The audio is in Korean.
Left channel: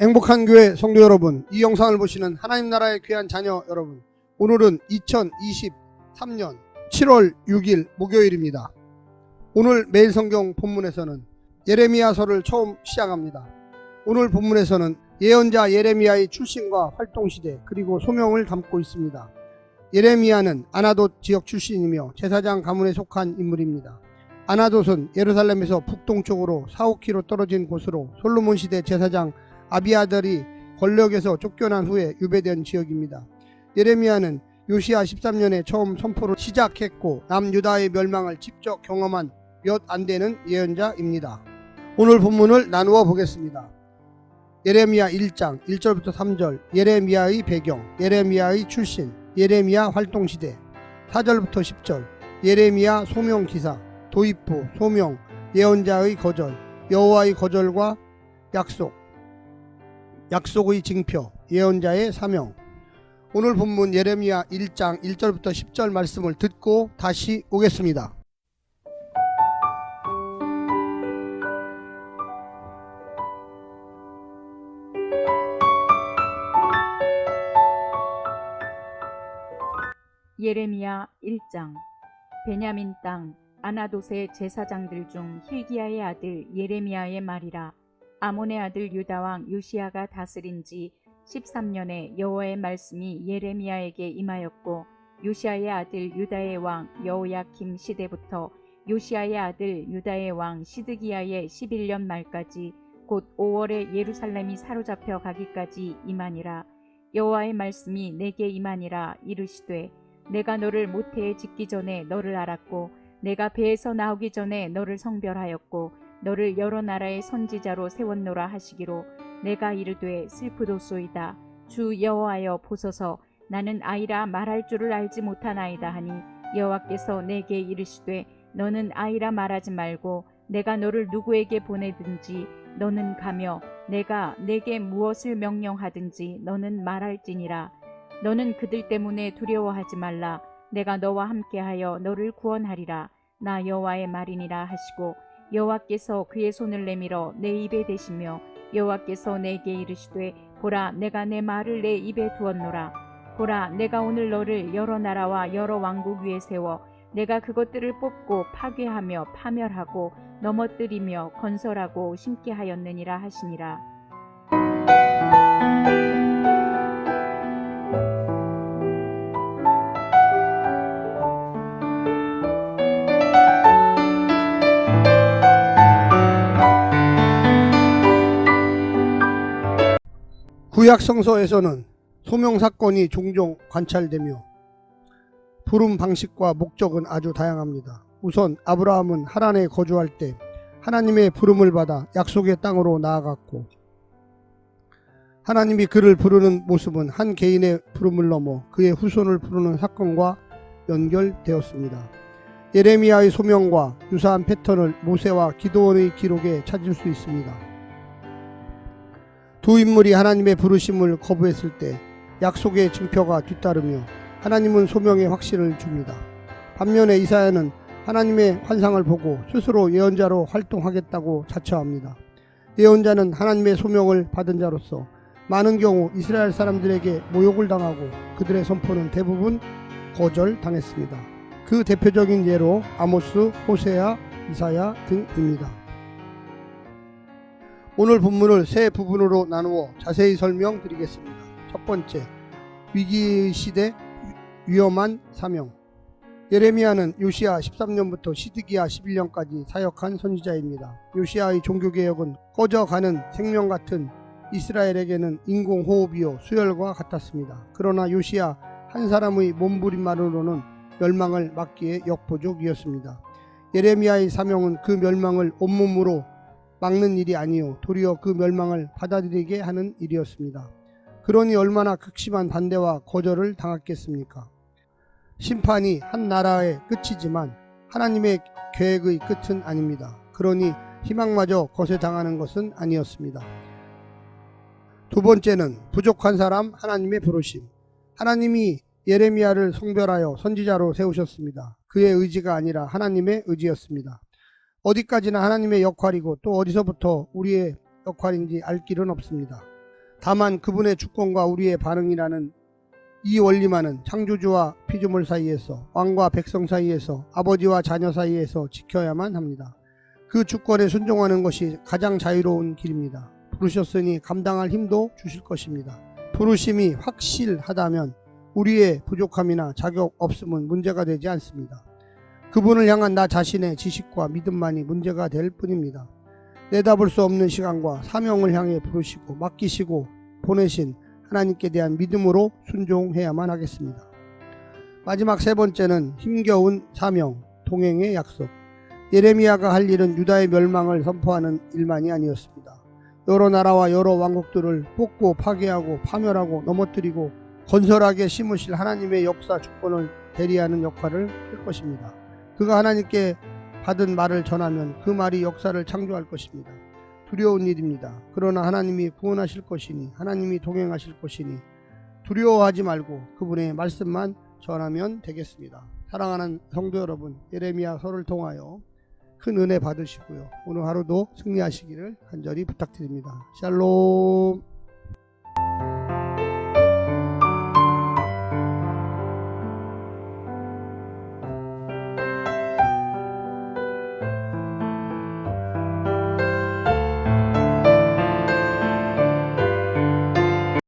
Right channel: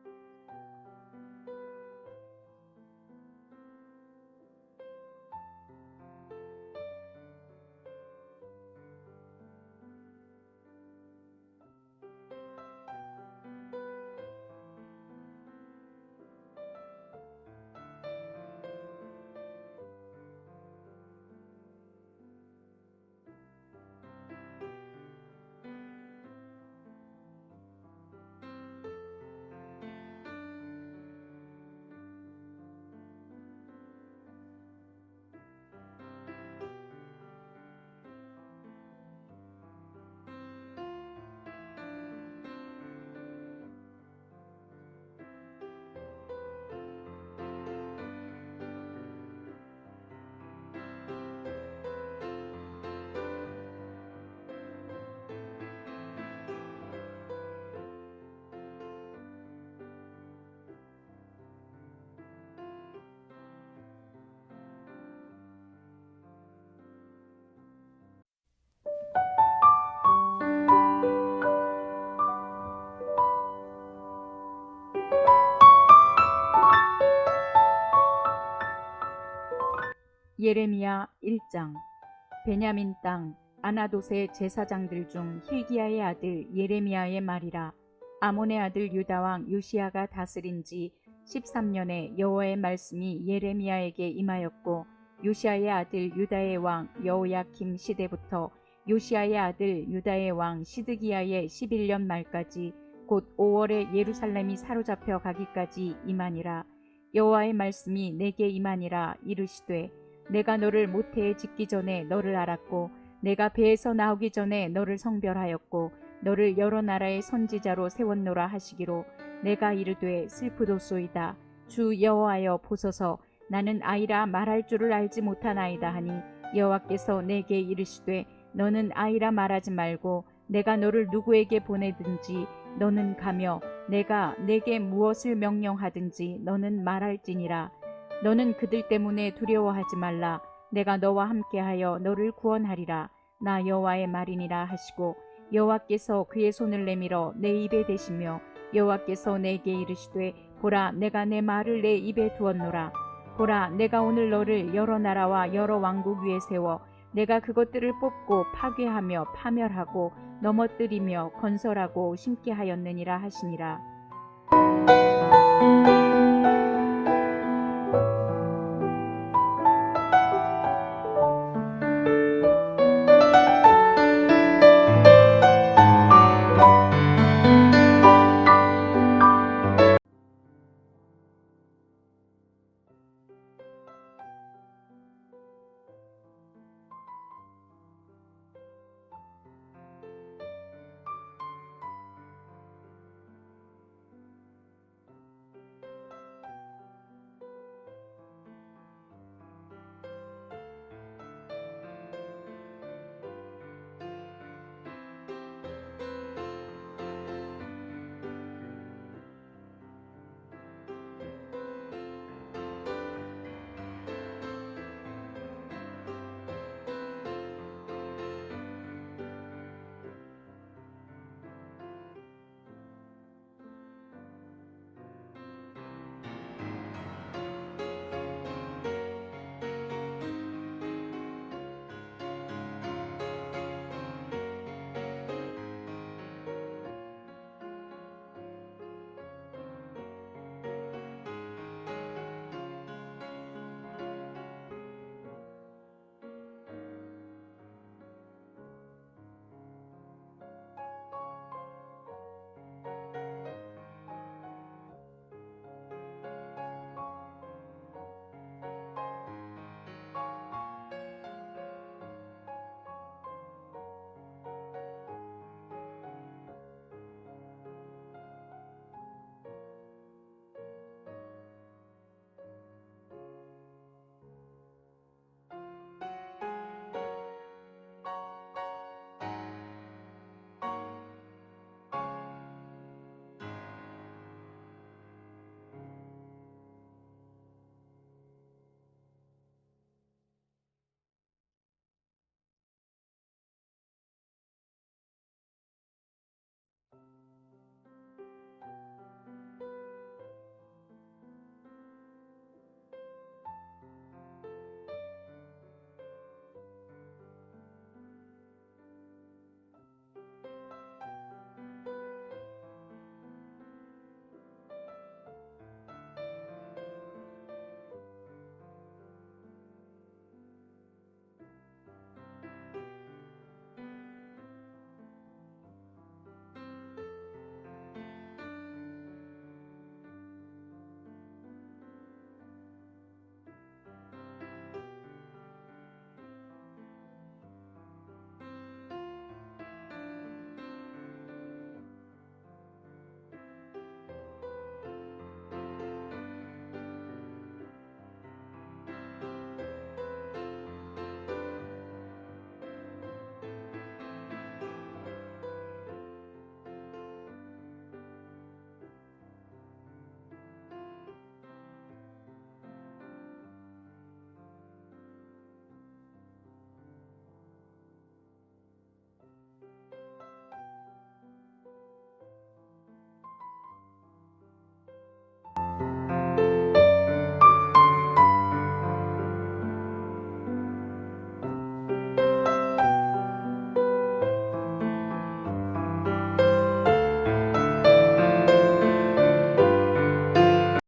행복한 교회 성도 여러분, 이 영상을 보시는 하나님 나라의 귀한 자녀 여러분, 오늘은 2023년 7월 6일 목요일입니다. 오늘 매일 성경 본문에서는 예레미야서를 처음 시작합니다. 오늘 본문에서는 예언자 예레미야의 출신과 활동시대 그리고 소명을 담고 있습니다. 예레미야는 아나돗 지역 출신이며 제사장 가문에 속한 인물입니다. 아나돗은 예루살렘에서 북동쪽으로 4-5km 떨어진 곳으로 솔로몬 시대 제사장 아비아달이 권력에서 쫓겨난 후에 유배된 지역입니다. 예레미야는 요시야 13년에 처음 선포를 시작했고 남유다의 멸망을 직접 경험한 몇 안 되는 예언자입니다. 오늘 본문을 나누어 보겠습니다. 예레미야 1장 1절부터 3절, 예레미야의 배경, 예레미야의 출신, 예레미야 활동시대, 4절부터 10절, 예레미야 소명기사, 도입부, 소명, 예언자의 거절, 여호와의 거절과 약속의 징표, 예언자의 사명. 오늘 본문 예레미야 1장 1절부터 10절 말씀을 듣고 다시 오겠습니다. 예레미야 1장. 베냐민 땅 아나돗의 제사장들 중 hil기야의 아들 예레미야의 말이라. 아몬의 아들 유다왕 요시야가 다스린 지 13년에 여호와의 말씀이 예레미야에게 임하였고, 요시야의 아들 유다의 왕 여호야킴 시대부터 요시야의 아들 유다의 왕 시드기야의 11년 말까지 곧 5월에 예루살렘이 사로잡혀 가기까지 임하니라. 여호와의 말씀이 내게 임하니라. 이르시되 내가 너를 모태에 짓기 전에 너를 알았고, 내가 배에서 나오기 전에 너를 성별하였고, 너를 여러 나라의 선지자로 세웠노라 하시기로, 내가 이르되 슬프도소이다. 주 여호와여 보소서, 나는 아이라 말할 줄을 알지 못하나이다 하니, 여호와께서 내게 이르시되 너는 아이라 말하지 말고 내가 너를 누구에게 보내든지 너는 가며 내가 내게 무엇을 명령하든지 너는 말할지니라. 너는 그들 때문에 두려워하지 말라. 내가 너와 함께하여 너를 구원하리라. 나 여호와의 말이니라 하시고, 여호와께서 그의 손을 내밀어 내 입에 대시며, 여호와께서 내게 이르시되 보라, 내가 내 말을 내 입에 두었노라. 보라, 내가 오늘 너를 여러 나라와 여러 왕국 위에 세워 내가 그것들을 뽑고 파괴하며 파멸하고 넘어뜨리며 건설하고 심게 하였느니라 하시니라. 구약 성서에서는 소명 사건이 종종 관찰되며 부름 방식과 목적은 아주 다양합니다. 우선 아브라함은 하란에 거주할 때 하나님의 부름을 받아 약속의 땅으로 나아갔고, 하나님이 그를 부르는 모습은 한 개인의 부름을 넘어 그의 후손을 부르는 사건과 연결되었습니다. 예레미야의 소명과 유사한 패턴을 모세와 기드온의 기록에 찾을 수 있습니다. 두 인물이 하나님의 부르심을 거부했을 때 약속의 징표가 뒤따르며 하나님은 소명의 확신을 줍니다. 반면에 이사야는 하나님의 환상을 보고 스스로 예언자로 활동하겠다고 자처합니다. 예언자는 하나님의 소명을 받은 자로서 많은 경우 이스라엘 사람들에게 모욕을 당하고 그들의 선포는 대부분 거절당했습니다. 그 대표적인 예로 아모스, 호세아, 이사야 등입니다. 오늘 본문을 세 부분으로 나누어 자세히 설명드리겠습니다. 첫 번째, 위기시대 위험한 사명. 예레미야는 요시야 13년부터 시드기야 11년까지 사역한 선지자입니다. 요시야의 종교개혁은 꺼져가는 생명 같은 이스라엘에게는 인공호흡이요 수혈과 같았습니다. 그러나 요시야 한 사람의 몸부림만으로는 멸망을 막기에 역부족이었습니다. 예레미야의 사명은 그 멸망을 온몸으로 막는 일이 아니요 도리어 그 멸망을 받아들이게 하는 일이었습니다. 그러니 얼마나 극심한 반대와 거절을 당했겠습니까? 심판이 한 나라의 끝이지만 하나님의 계획의 끝은 아닙니다. 그러니 희망마저 거세당하는 것은 아니었습니다. 두 번째는 부족한 사람 하나님의 부르심. 하나님이 예레미야를 성별하여 선지자로 세우셨습니다. 그의 의지가 아니라 하나님의 의지였습니다. 어디까지나 하나님의 역할이고 또 어디서부터 우리의 역할인지 알 길은 없습니다. 다만 그분의 주권과 우리의 반응이라는 이 원리만은 창조주와 피조물 사이에서, 왕과 백성 사이에서, 아버지와 자녀 사이에서 지켜야만 합니다. 그 주권에 순종하는 것이 가장 자유로운 길입니다. 부르셨으니 감당할 힘도 주실 것입니다. 부르심이 확실하다면 우리의 부족함이나 자격 없음은 문제가 되지 않습니다. 그분을 향한 나 자신의 지식과 믿음만이 문제가 될 뿐입니다. 내다볼 수 없는 시간과 사명을 향해 부르시고 맡기시고 보내신 하나님께 대한 믿음으로 순종해야만 하겠습니다. 마지막 세 번째는 힘겨운 사명, 동행의 약속. 예레미야가 할 일은 유다의 멸망을 선포하는 일만이 아니었습니다. 여러 나라와 여러 왕국들을 뽑고 파괴하고 파멸하고 넘어뜨리고 건설하게 심으실 하나님의 역사 주권을 대리하는 역할을 할 것입니다. 그가 하나님께 받은 말을 전하면 그 말이 역사를 창조할 것입니다. 두려운 일입니다. 그러나 하나님이 구원하실 것이니, 하나님이 동행하실 것이니 두려워하지 말고 그분의 말씀만 전하면 되겠습니다. 사랑하는 성도 여러분, 예레미야서를 통하여 큰 은혜 받으시고요. 오늘 하루도 승리하시기를 간절히 부탁드립니다. 샬롬.